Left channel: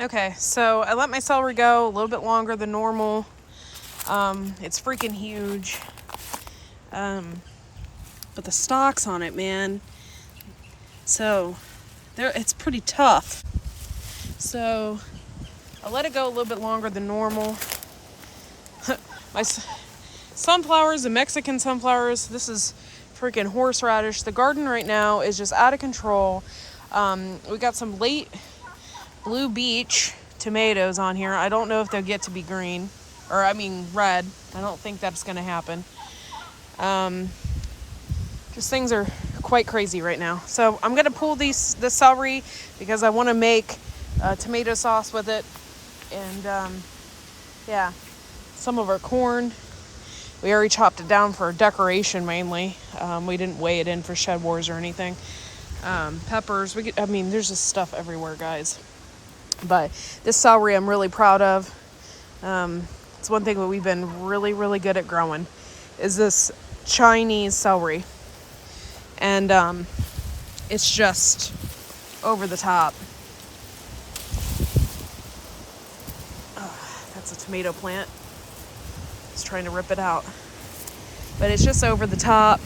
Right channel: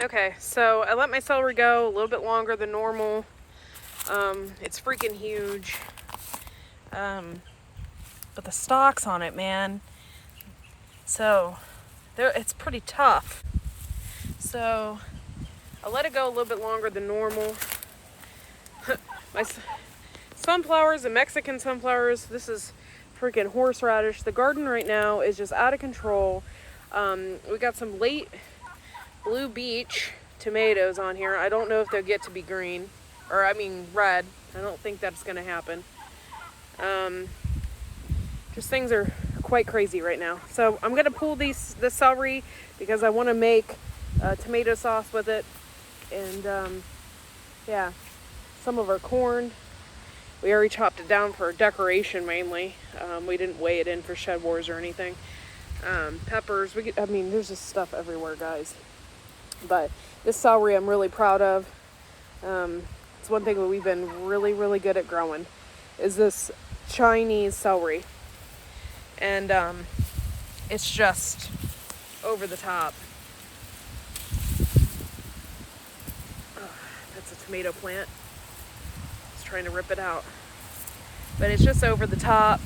Okay, so I let my celery go a little bit longer than normal. It's freaking huge. But the stalks on it, man. So it's pretty tough. So I let it go a little bit longer than normal. My sunflowers, the Mexican sunflowers, this is freaking horseradish. The garden right now is just out of control. We got some late Blue Beach tomatoes on here. I don't know if they'll get to be green, or I mean red. I don't think that's going to happen. Just things are quite crazy right now. So I'm going to pull the celery because I want to make tomato sauce with it. And yeah, some of our corn, we already chopped it down for decoration mainly. We didn't weigh it in for shed wars or anything. Peppers, there's just stuff everywhere, guys. But this celery I'm really proud of. It's one thing that we've been really, really good at growing is this Chinese celery. And it's just over the top. That's a tomato plant. Just trying to rip it out. But it's just over the top.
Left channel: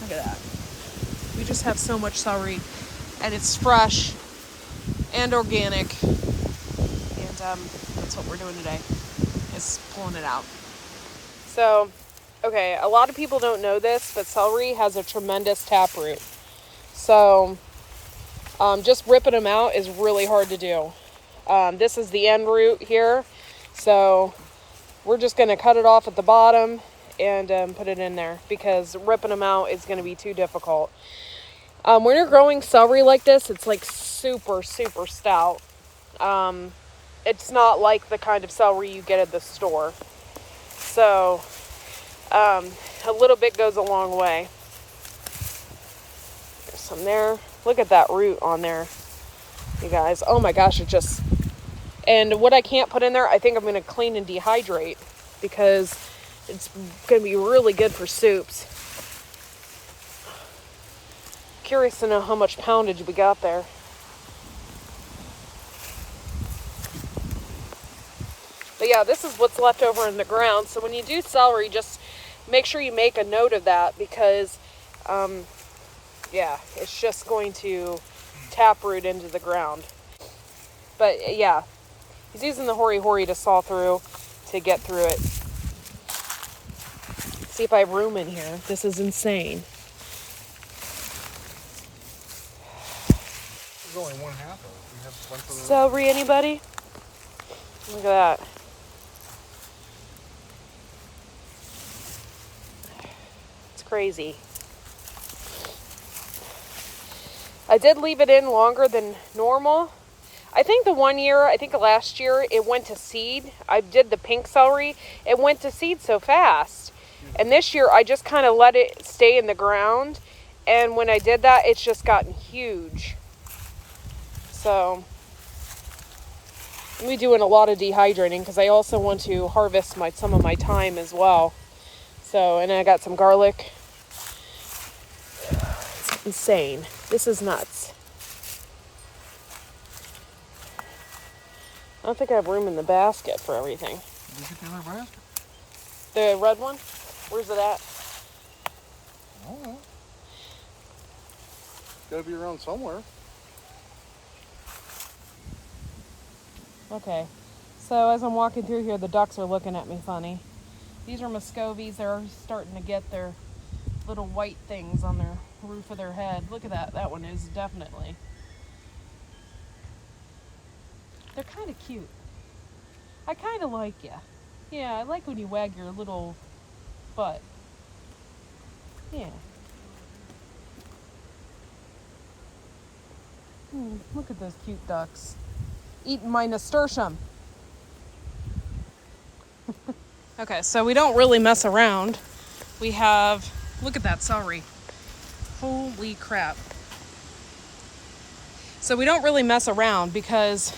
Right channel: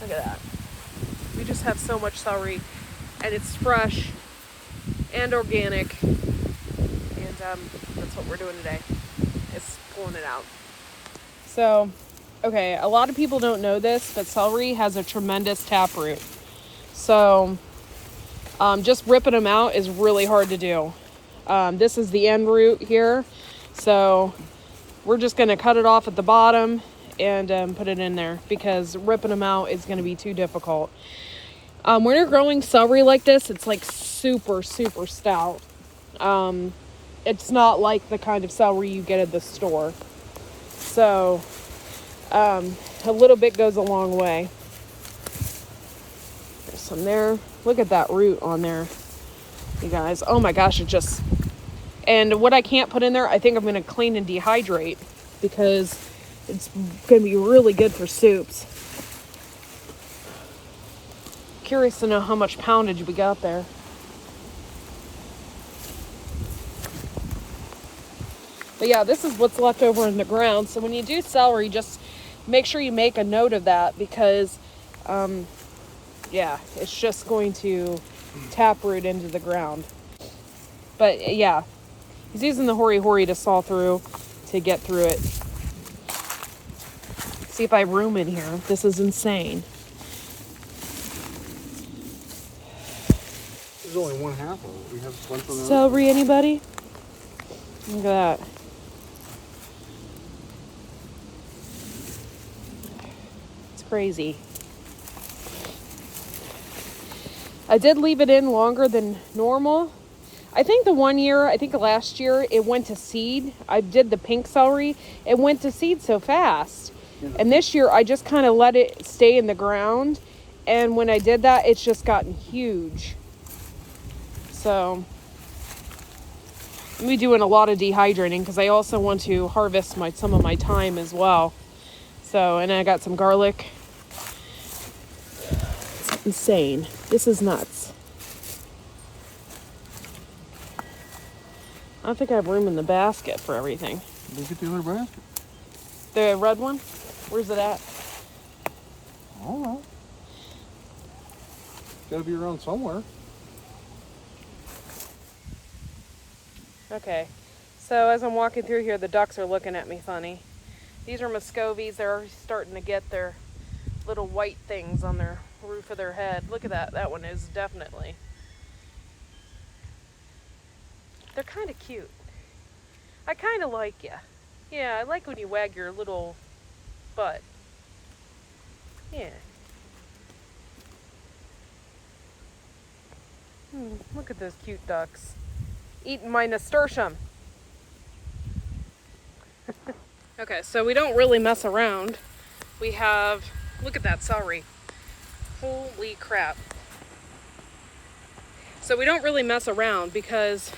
Look at that. We just have so much celery. And it's fresh and organic. And that's what we're doing today. Is pulling it out. So, okay, a lot of people don't know this, but celery has a tremendous taproot. So, just ripping them out is really hard to do. This is the end root here. So, we're just going to cut it off at the bottom and put it in there because ripping them out is going to be too difficult. When you're growing celery like this, it's like super, super stout. It's not like the kind of celery you get at the store. So, a little bit goes a long way. There's some there. Look at that root on there, you guys. Oh my gosh, it just... And what I can't put in there, I think I'm going to clean and dehydrate because it's going to be really good for soups. Curious to know how much poundage we got there. But yeah, this is what's left over in the ground. So when you do celery, just make sure you make a note of that because, yeah, it's just going to taproot into the ground. But yeah, he's using the hori-hori to saw through to get through it. See if I have room in here. This is insane. There's only one half of it. We have one from the Celery, anybody? Look at that. It's crazy. I did leave it in longer than normal. I think last year it went to seed. I did the pink celery. It went to seed so fast. And this year I just kind of let it stay in the ground. And when I did that, it's just gotten huge. So I'm doing a lot of dehydrating because I also want to harvest some of my thyme as well. So, and I got some garlic. It's insane. This is nuts. I don't think I have room in the basket for everything. Look at the other basket. The red one? Where's it at? I don't know. Gotta be around somewhere. Okay, so as I'm walking through here, the ducks are looking at me funny. These are Muscovies. They're starting to get their little white things on their roof of their head. Look at that. That one is definitely. They're kind of cute. I kind of like you. Yeah, I like when you wag your little butt. Yeah. Look at those cute ducks. Eating my nasturtium. Okay, so we don't really mess around. We have, look at that celery. Holy crap. So we don't really mess around because,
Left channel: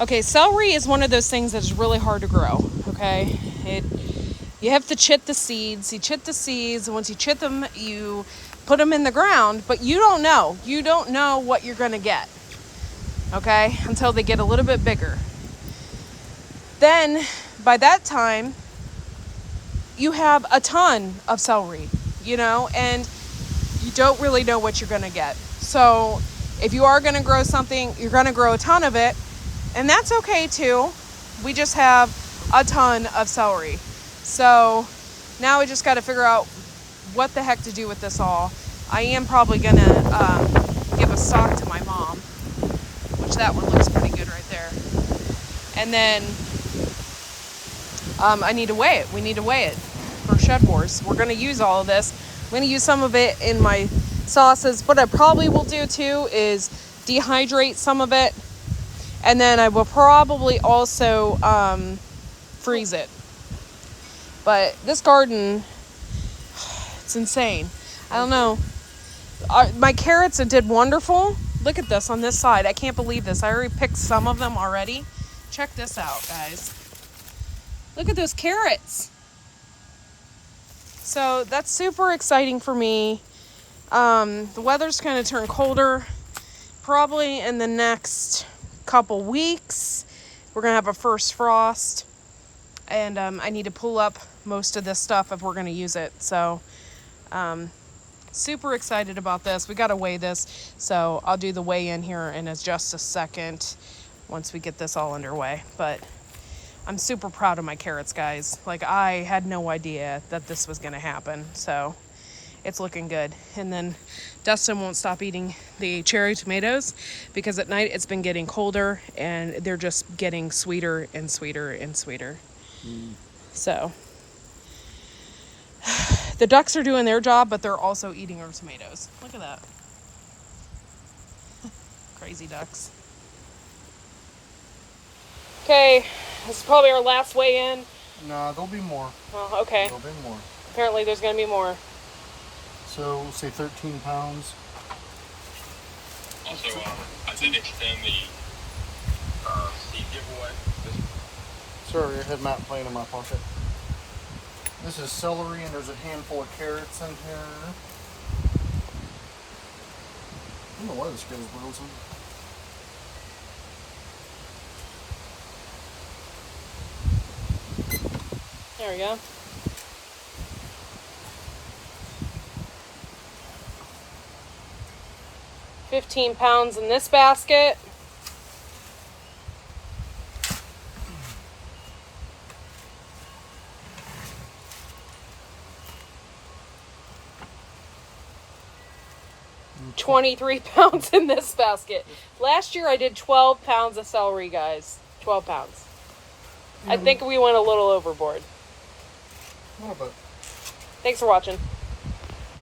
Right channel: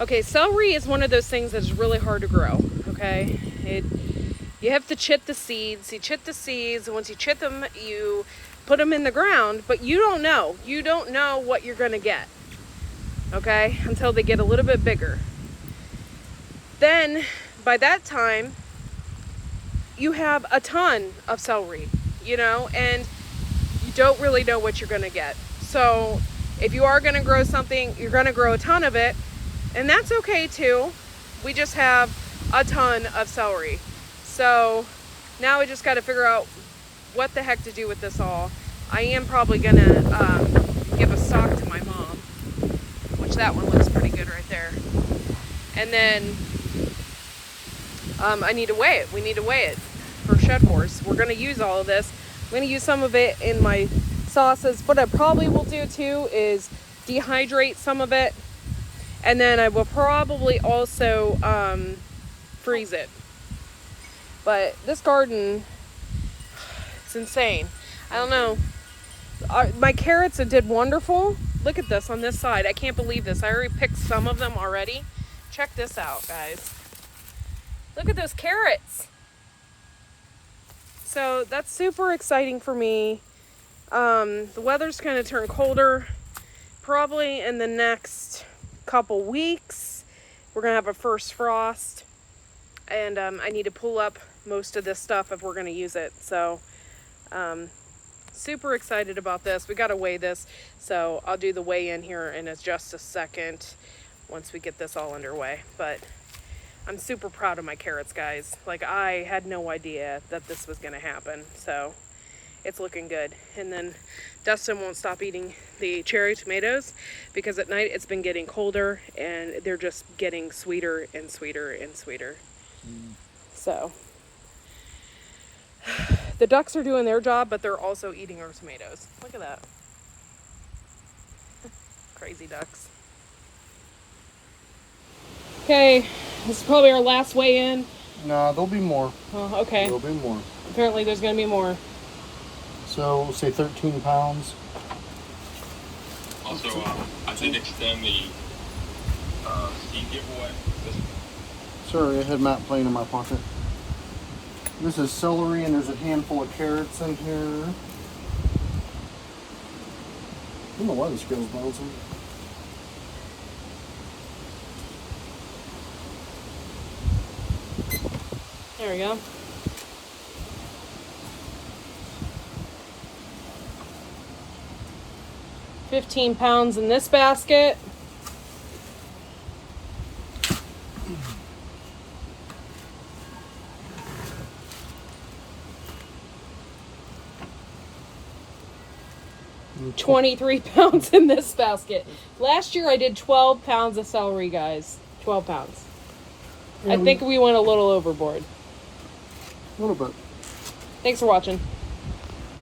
okay, celery is one of those things that's really hard to grow, okay? You have to chit the seeds. You chit the seeds, and once you chit them, you put them in the ground, but you don't know. You don't know what you're going to get. okay, until they get a little bit bigger. Then, by that time, you have a ton of celery, you know, and you don't really know what you're going to get. So, if you are going to grow something, you're going to grow a ton of it, and that's okay too. We just have a ton of celery. So, now we just got to figure out what the heck to do with this all. I am probably going to give a stalk to my mom, which that one looks pretty good right there. And then I need to weigh it. We need to weigh it for Shed Wars. We're going to use all of this. I'm going to use some of it in my sauces. What I probably will do too is dehydrate some of it. And then I will probably also freeze it. But this garden, it's insane. I don't know. My carrots did wonderful. Look at this on this side. I can't believe this. I already picked some of them already. Check this out, guys. Look at those carrots. So that's super exciting for me. The weather's going to turn colder. Probably in the next couple weeks, we're going to have a first frost. And I need to pull up most of this stuff if we're going to use it. So super excited about this. We got to weigh this. So I'll do the weigh in here in just a second once we get this all underway. But I'm super proud of my carrots, guys. Like, I had no idea that this was going to happen. So it's looking good. And then Dustin won't stop eating the cherry tomatoes because at night it's been getting colder and they're just getting sweeter and sweeter and sweeter. So the ducks are doing their job, but they're also eating our tomatoes. Look at that. Crazy ducks. Okay, this is probably our last weigh in. Nah, there'll be more. Oh, okay. There'll be more. Apparently there's going to be more. So, we'll say 13 pounds. Also, I did extend the seed giveaway. Sorry, I had Matt playing in my pocket. This is celery, and there's a handful of carrots in here. I don't know why the scale's bouncing. There we go. £15 in this basket. £23 in this basket. Last year I did 12 pounds of celery, guys. 12 pounds. Yeah, I think we went a little overboard. A little bit. Thanks for watching.